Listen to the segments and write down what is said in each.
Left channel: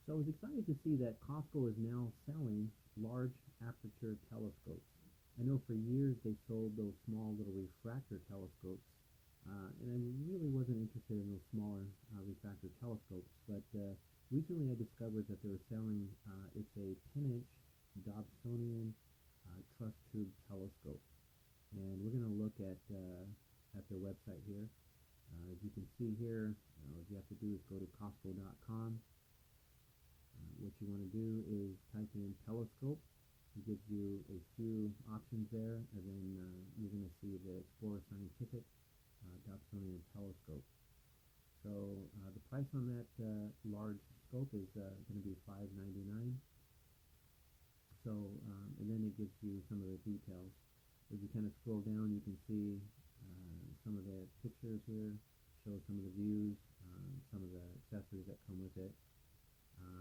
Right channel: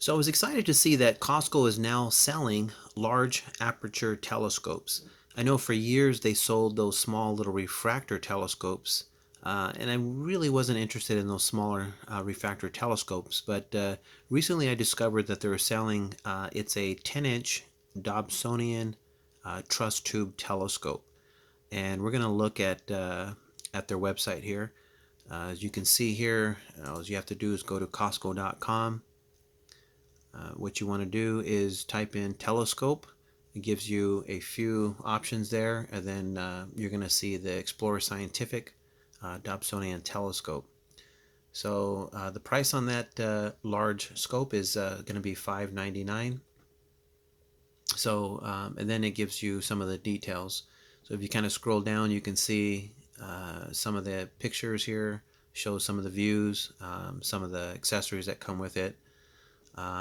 So I was excited to see that Costco is now selling large aperture telescopes. I know for years they sold those small little refractor telescopes, and I really wasn't interested in those smaller refractor telescopes. But recently I discovered that they were selling it's a 10-inch Dobsonian Truss tube telescope, and we're going to look at their website here. As you can see here, all you have to do is go to Costco.com. What you want to do is type in telescope. It gives you a few options there, and then you're going to see the Explorer Scientific Dobsonian Telescope. So the price on that large scope is going to be $5.99. So and then it gives you some of the details. So if you kind of scroll down, you can see some of the pictures here, shows some of the views, some of the accessories that come with it.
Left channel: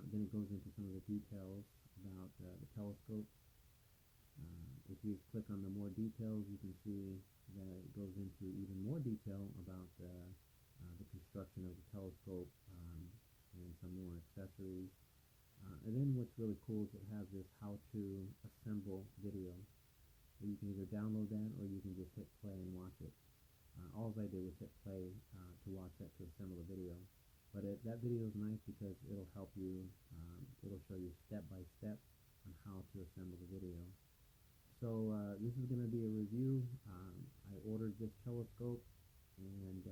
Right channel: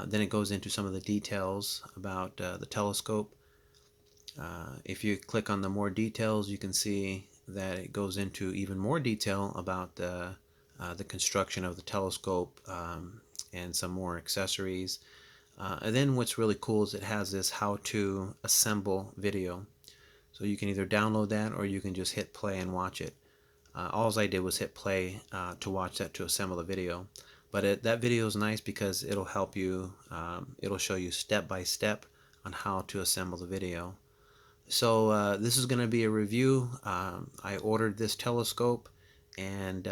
Then it goes into some of the details about the telescope. If you click on the more details, you can see that it goes into even more detail about the construction of the telescope, and some more accessories. And then what's really cool is it has this how to assemble video. So you can either download that or you can just hit play and watch it. All I did was hit play to watch that to assemble the video. But that video is nice because it'll help you, it'll show you step by step on how to assemble the video. So this is going to be a review. I ordered this telescope, and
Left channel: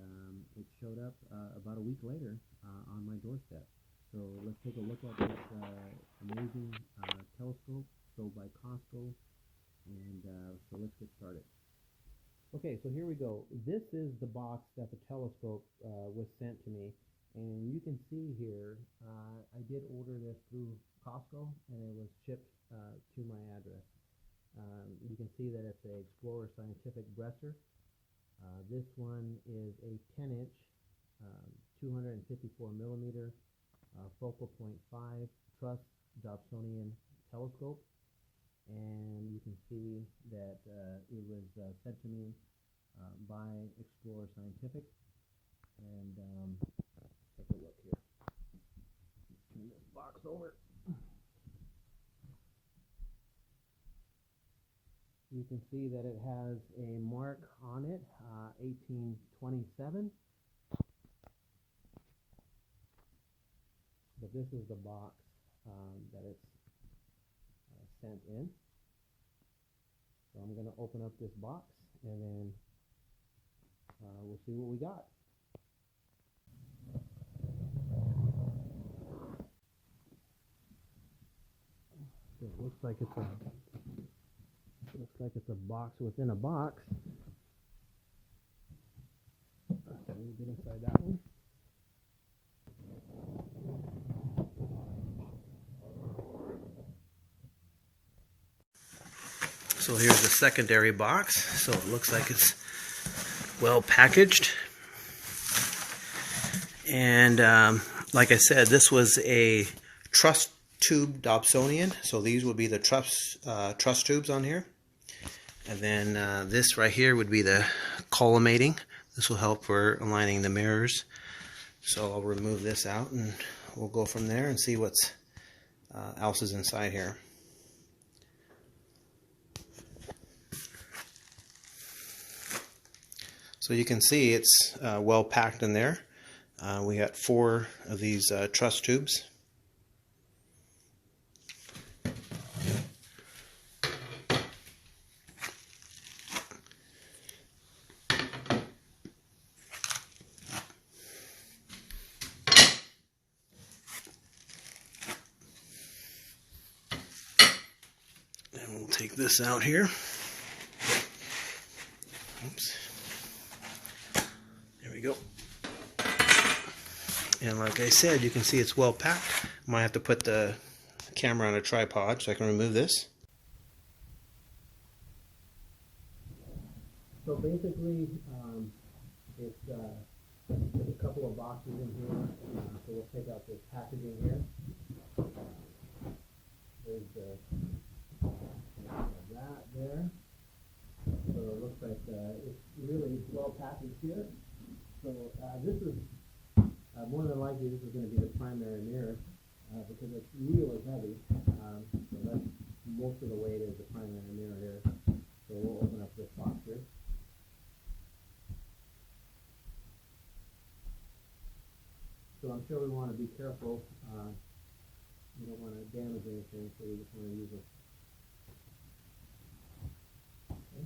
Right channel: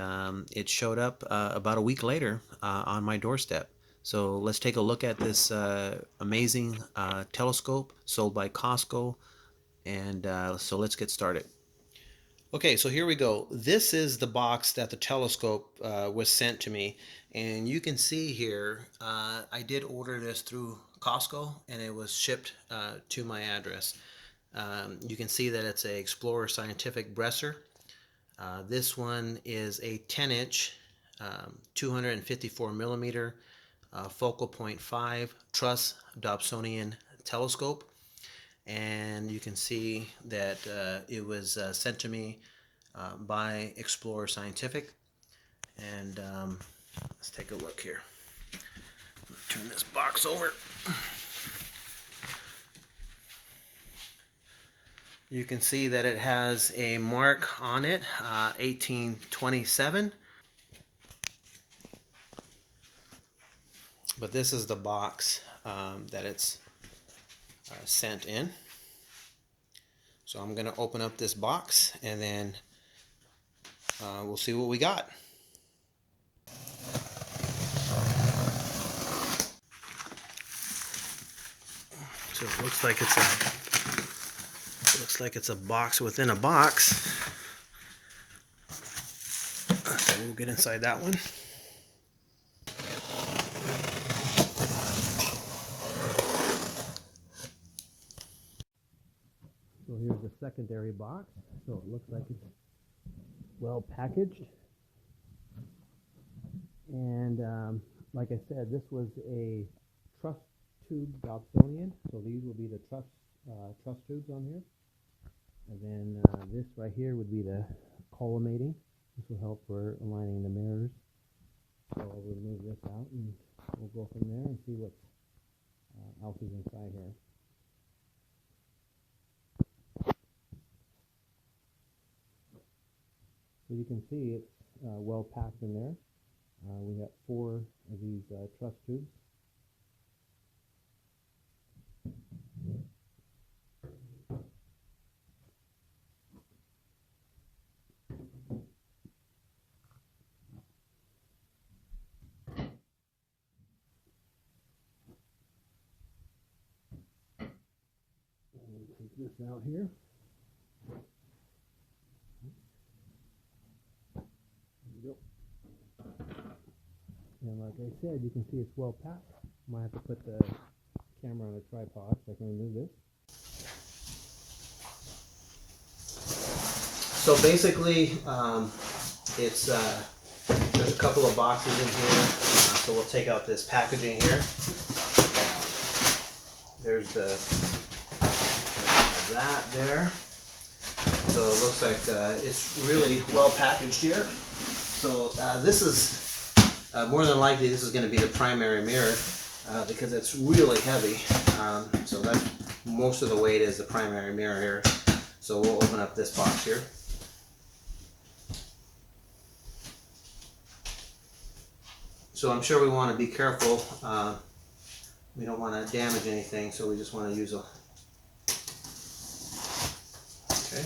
it showed up about a week later on my doorstep. So let's take a look at this amazing telescope sold by Costco, and so let's get started. Okay, so here we go. This is the box that the telescope was sent to me, and you can see here I did order this through Costco, and it was shipped to my address. You can see that it's a Explorer Scientific Bresser. This one is a 10-inch, 254 millimeter focal point 5 Truss Dobsonian telescope. And you can see that it was sent to me by Explorer Scientific. And let's take a look here. Turn this box over. You can see that it has a mark on it, 1827. But this is the box that it's sent in. So I'm going to open up this box, and then we'll see what we got. So it looks like it's a box within a box. So we'll get inside that one. So here's the secondary box. So it looks like it's well packaged. And like I said, this was a truss tube Dobsonian. So these would be the truss tubes on here. And then this right here would be the collimating. This will help for aligning the mirrors. So I'll remove this out, and we'll go from there and see what's else is inside here. So you can see it's well packed in there. We got 4 of these truss tubes. And we'll take this out here. Oops. There we go. And like I said, you can see it's well packed. I might have to put the camera on a tripod so I can remove this. So basically, it's there's a couple of boxes in here. So we'll take out this packaging here. There's that there. So it looks like it's really well packaged here. So this is more than likely this is going to be the primary mirror. because it's really heavy. So that's most of the weight is the primary mirror here. So we'll open up this box here. So I'm sure we want to be careful. We don't want to damage anything, so we just want to use a... Okay.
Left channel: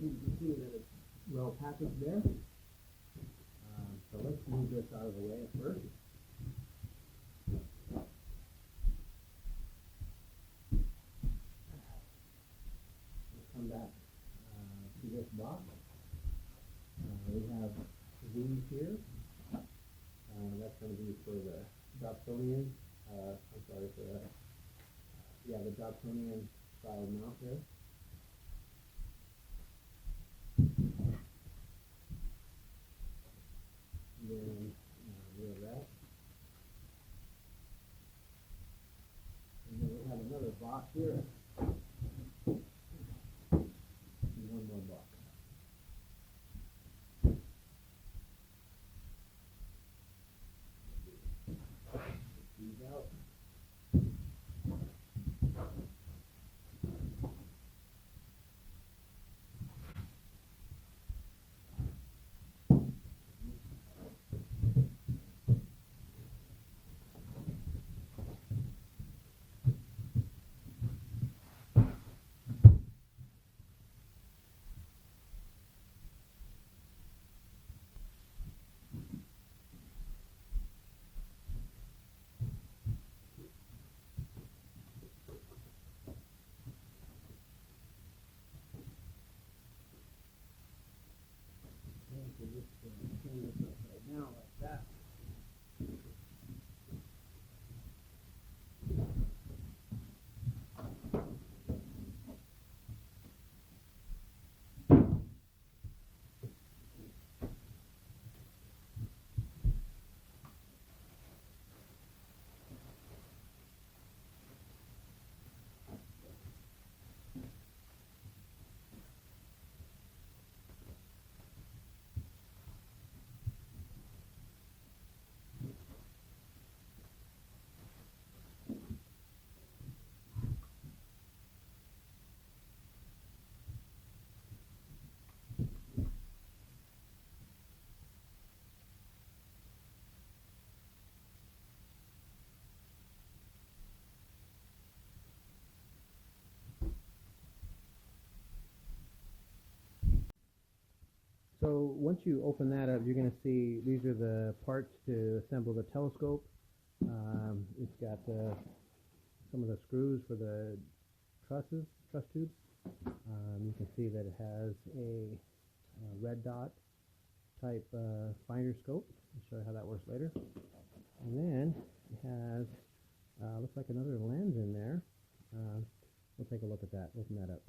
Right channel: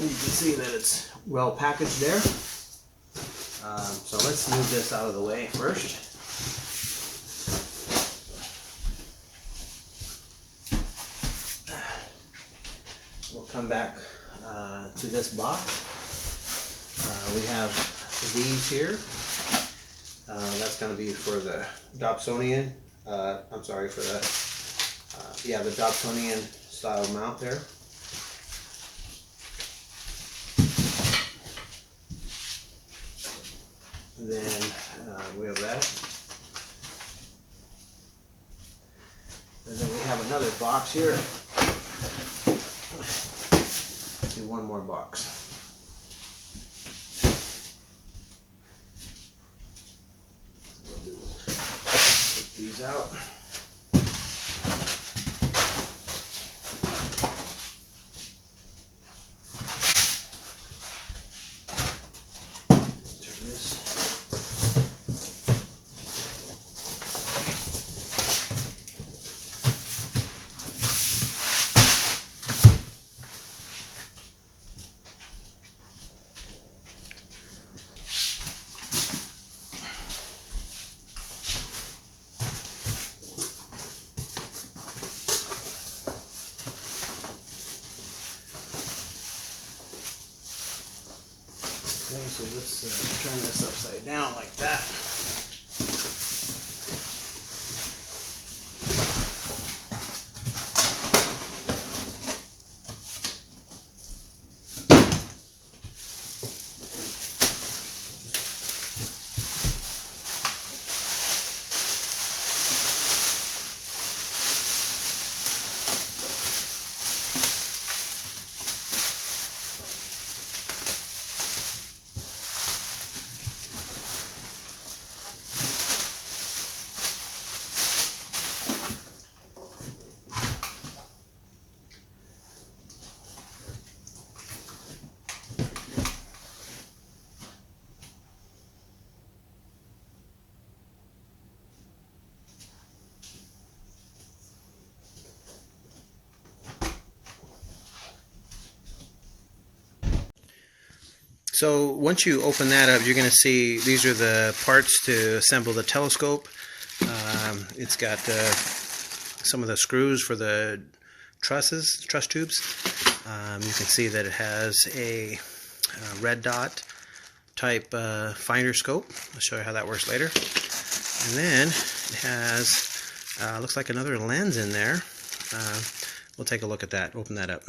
You can see that it's well packaged there. So let's move this out of the way first. We'll come back to this box. We have these here. That's going to be for the Dobsonian. I'm sorry, for the the Dobsonian style mount there. And then we have that. And then we have another box here. Do one more box. Take these out. Okay, so let's turn this upside down like that. So once you open that up, you're going to see these are the parts to assemble the telescope. It's got some of the screws for the truss tubes. You can see that it has a red dot type finder scope. I'll show you how that works later. And then it has, looks like another lens in there. We'll take a look at that, open that up.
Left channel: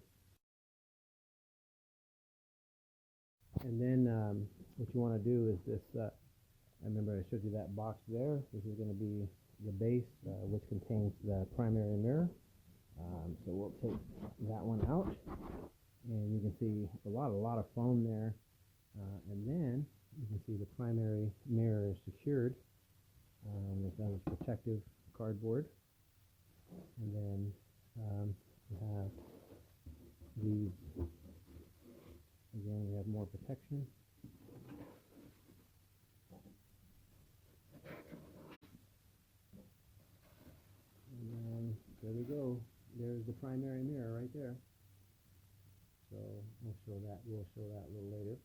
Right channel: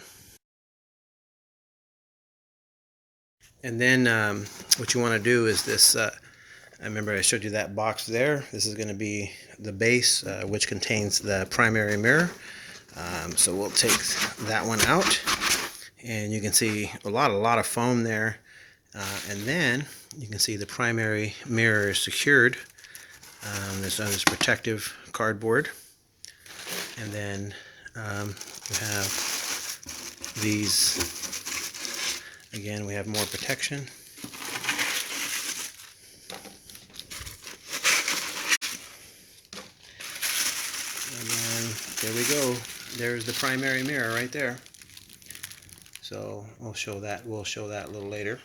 And then what you want to do is this, I remember I showed you that box there. This is going to be the base, which contains the primary mirror. So we'll take that one out, and you can see a lot of foam there. And then you can see the primary mirror is secured. There's this protective cardboard. And then you have these. Again, we have more protection. And then there we go. There's the primary mirror right there. So we'll show that a little later.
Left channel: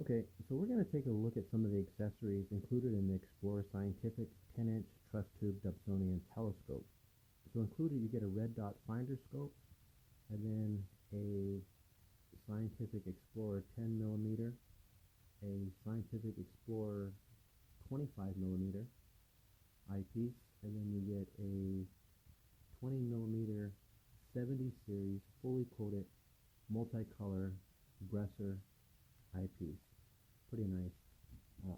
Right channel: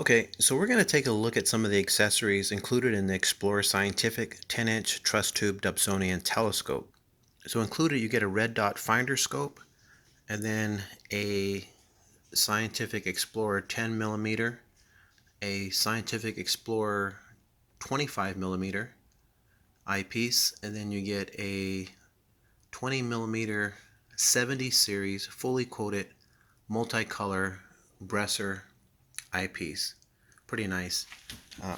Okay, so we're going to take a look at some of the accessories included in the Explorer Scientific 10-inch Truss Tube Dobsonian Telescope. So included, you get a red dot finder scope, and then a Scientific Explorer 10 millimeter, a Scientific Explorer 25 millimeter eyepiece, and then you get a 20 millimeter 70 series fully coated multicolor Bresser eyepiece. Pretty nice.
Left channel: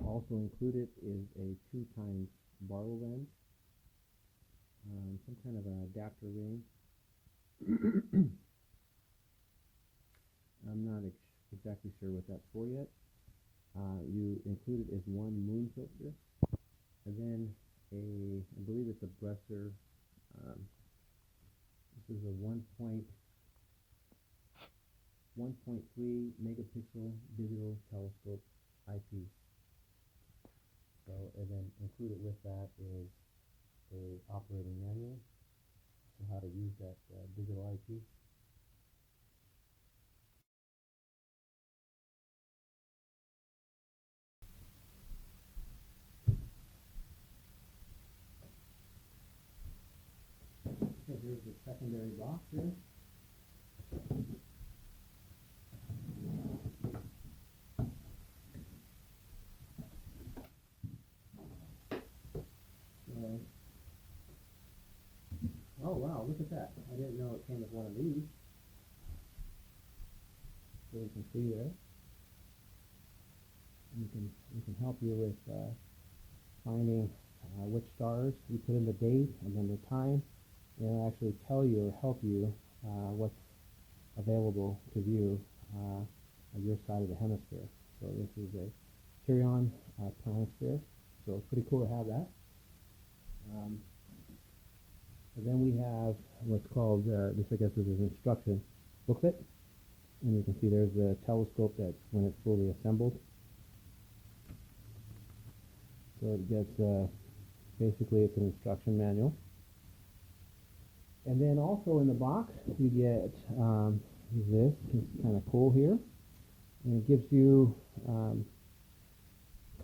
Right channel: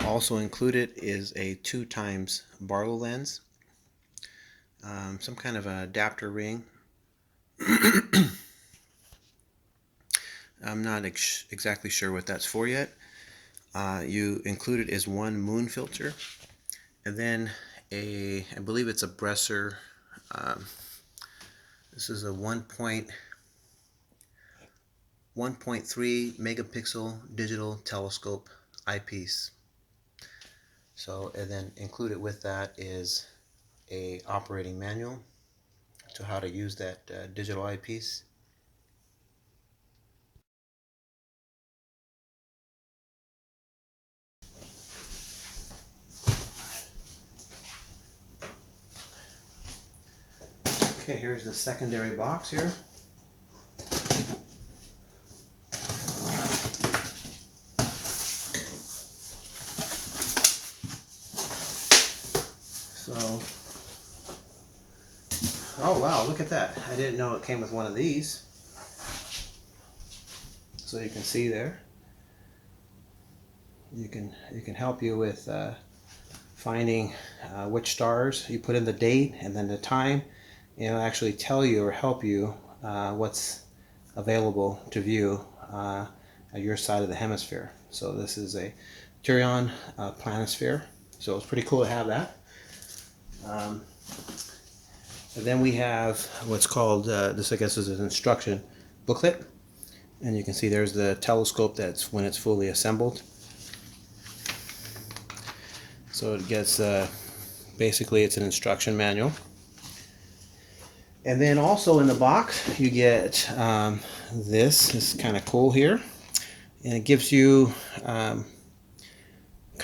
Also included is a 2x Barlow lens. some kind of an adapter ring. I'm not exactly sure what that's for yet. You included is one moon filter, and then I believe it's a Bresser. Um, this is a 1.3 megapixel digital telescope eyepiece. So, and then included with that is a operating manual to how to use that digital eyepiece. Okay, here's the secondary box here. So, oh wow, look at that. I didn't know it came with one of these. So you can see there. You can help you with finding which stars. You put in the date and then the time. It'll actually tell you or help you what's available to view at your side of the hemisphere. So this is a Tyrion planisphere. So it's pretty cool to have that. And then we have what's called, this I guess is an instruction booklet. And you can see there's the telescope that's when it's fully assembled. So it gets, basically it's an instruction manual. And then also in the box you get this is kind of cool here. And it gives you kind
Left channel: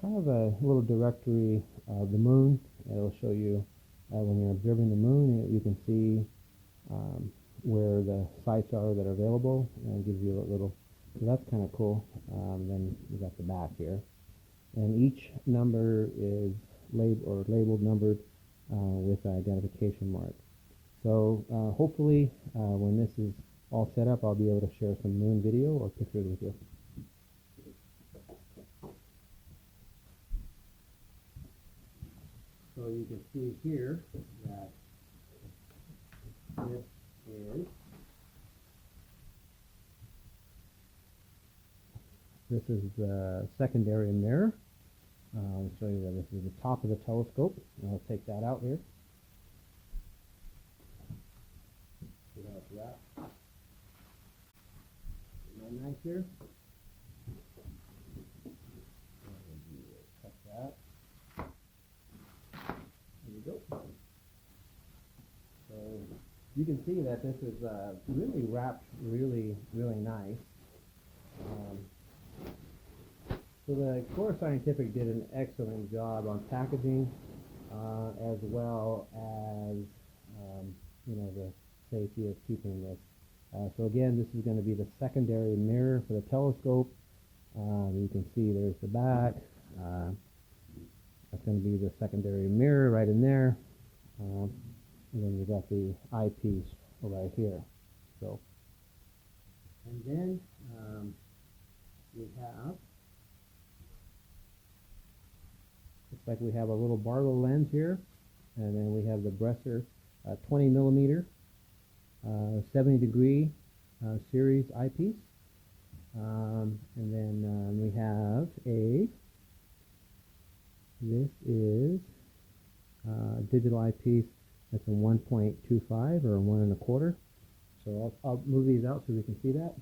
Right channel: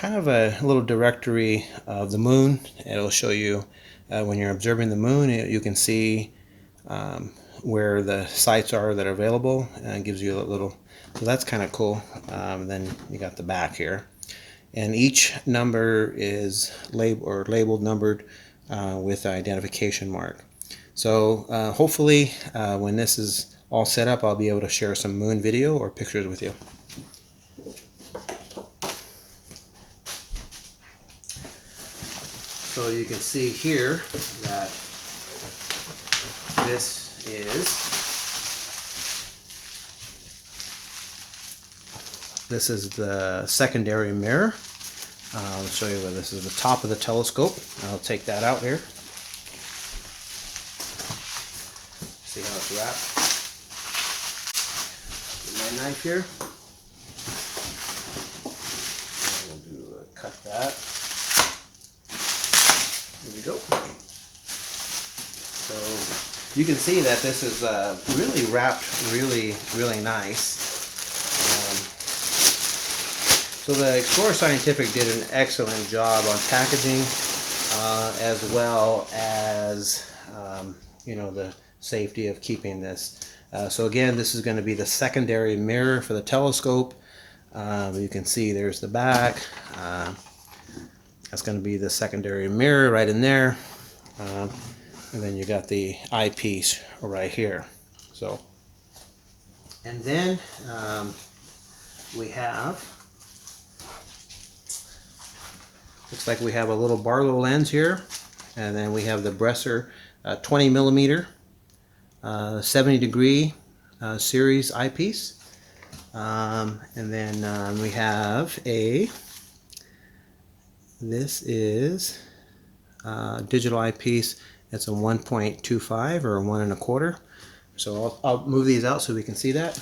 of a little directory of the moon. It'll show you when you're observing the moon, you can see where the sites are that are available, and it gives you a little, so that's kind of cool. Then you got the back here, and each number is labeled numbered with an identification mark. So hopefully when this is all set up, I'll be able to share some moon video or pictures with you. So you can see here that this is the secondary mirror. I'll show you where this is the top of the telescope. I'll take that out here. See how it's wrapped. Get my knife here. We'll cut that. There we go. So you can see that this is really wrapped really nice. So the Explorer Scientific did an excellent job on packaging as well as you know, the safety of keeping this. So again, this is going to be the secondary mirror for the telescope. You can see there's the back. That's going to be the secondary mirror right in there. And then you got the eyepiece right here. So, and then we have, looks like we have a little Barlow lens here, and then we have the Bresser 20 millimeter 70 degree series eyepiece, and then we have this is digital eyepiece. It's a 1.25 or a 1 1/4. So I'll move these out so we can see that.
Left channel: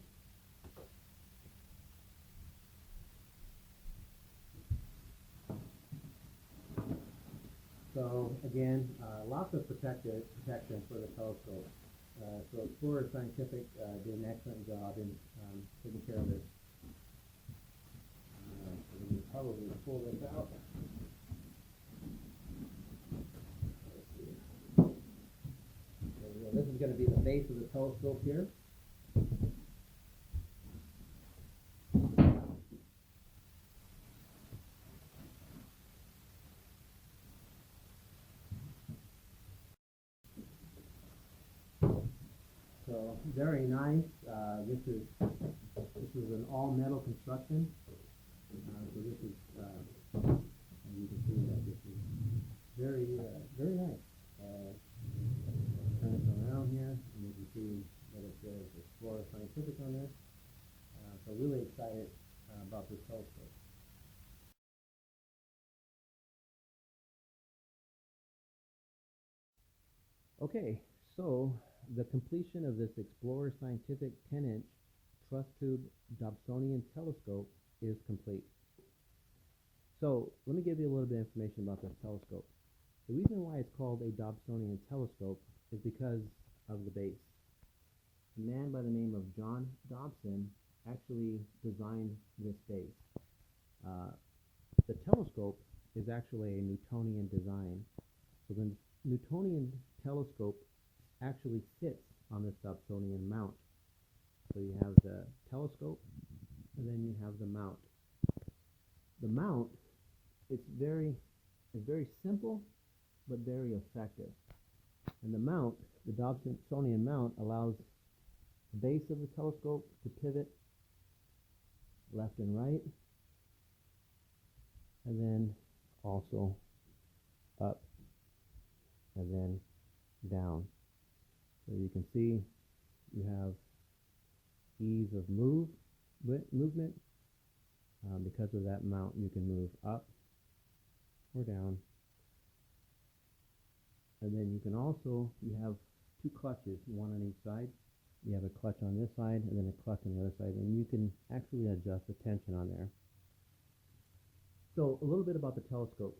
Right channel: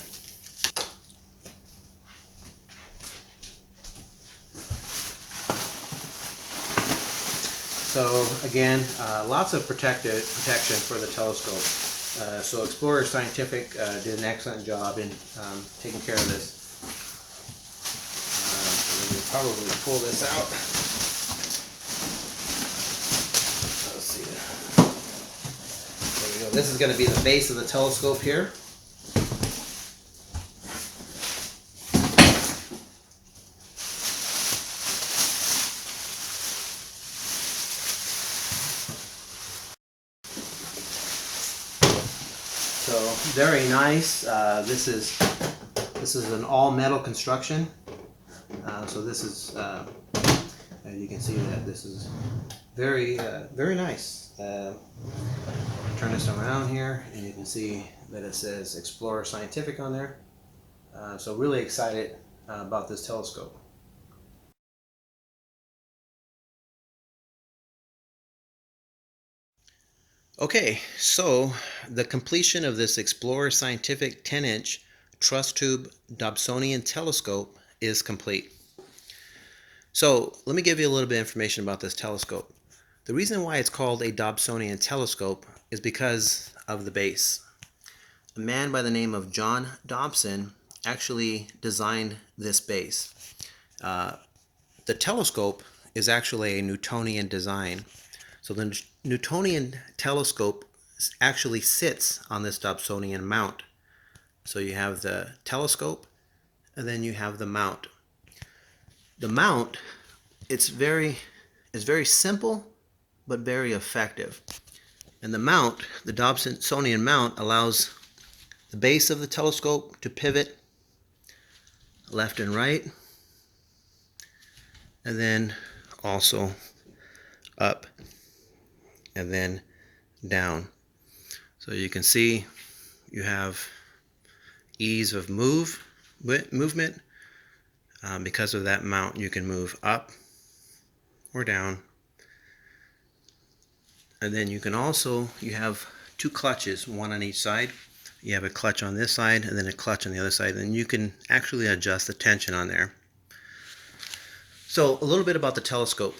So again, lots of protection for the telescope. So Explorer Scientific did an excellent job in taking care of this. So we'll probably pull this out. Let's see. There we go. This is going to be the base of the telescope here. So very nice. This is an all metal construction. So this is, as you can see that this is very nice. Turn this around here, and you can see that it says Explorer Scientific on there. So really excited about this telescope. Okay, so the completion of this Explorer Scientific 10-inch truss tube Dobsonian telescope is complete. So let me give you a little bit of information about this telescope. The reason why it's called a Dobsonian telescope is because of the base. A man by the name of John Dobson actually designed this base. The telescope is actually a Newtonian design. So the Newtonian telescope actually sits on this Dobsonian mount. So you have the telescope, and then you have the mount. The mount, it's very simple, but very effective. And the Dobsonian mount, allows the base of the telescope to pivot left and right, and then also up and then down. So you can see you have ease of movement. Because of that mount, you can move up or down. And then you have two clutches, one on each side. You have a clutch on this side and then a clutch on the other side, and you can actually adjust the tension on there. So a little bit about the telescope.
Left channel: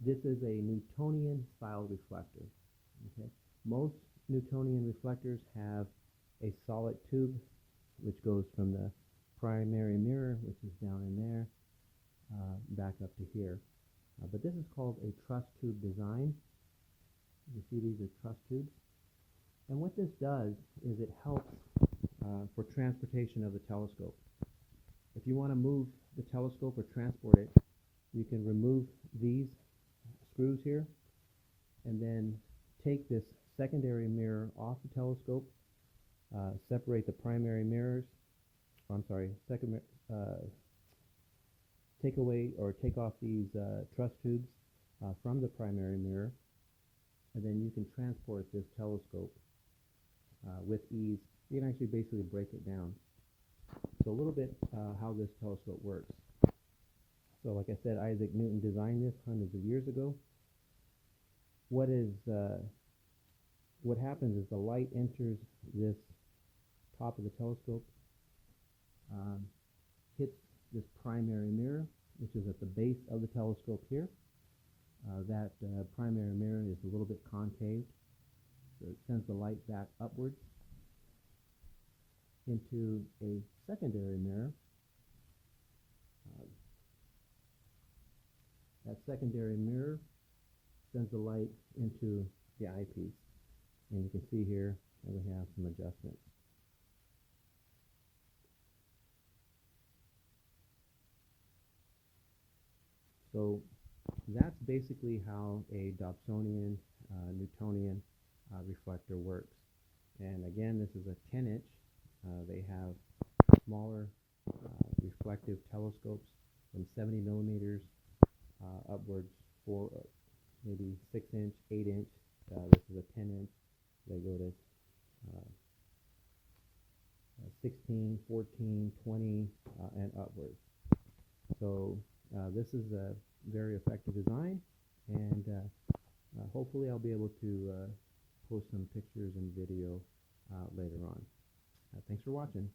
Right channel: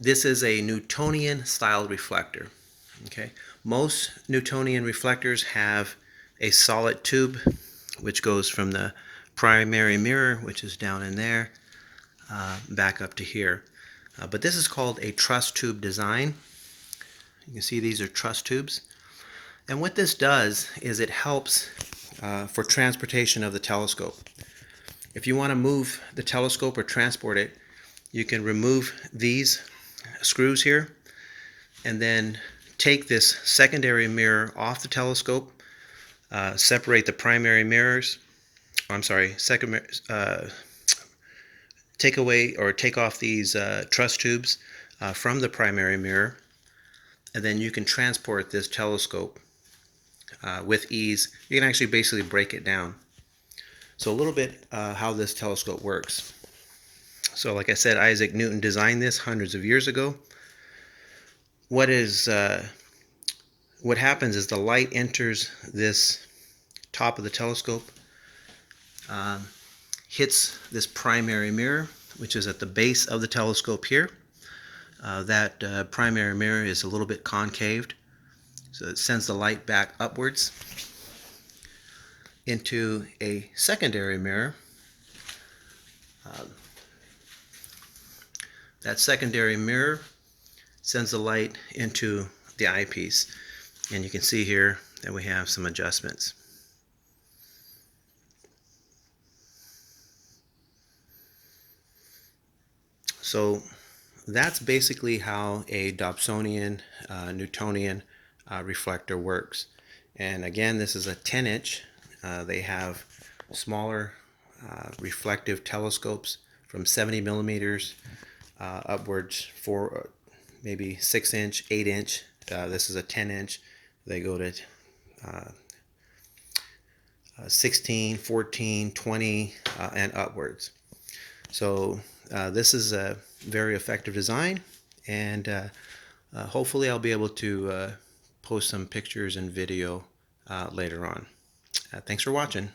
This is a Newtonian style reflector. Okay, most Newtonian reflectors have a solid tube which goes from the primary mirror, which is down in there, back up to here. But this is called a truss tube design. You can see these are truss tubes. And what this does is it helps for transportation of the telescope. If you want to move the telescope or transport it, you can remove these screws here and then take this secondary mirror off the telescope, separate the primary mirrors. Take off these truss tubes from the primary mirror, and then you can transport this telescope with ease. You can actually basically break it down. So a little bit how this telescope works. So like I said, Isaac Newton designed this hundreds of years ago. What happens is the light enters this top of the telescope, hits this primary mirror, which is at the base of the telescope here. That primary mirror is a little bit concaved, so it sends the light back upwards into a secondary mirror. That secondary mirror sends the light into the eyepiece, and you can see here that we have some adjustments. So that's basically how a Dobsonian Newtonian reflector works. And again, this is a 10-inch. They have smaller reflective telescopes from 70 millimeters upwards for maybe 6-inch, 8-inch. This is a 10-inch. They go to 16, 14, 20, and upwards. So this is a very effective design, and hopefully I'll be able to post some pictures and video later on. Thanks for watching.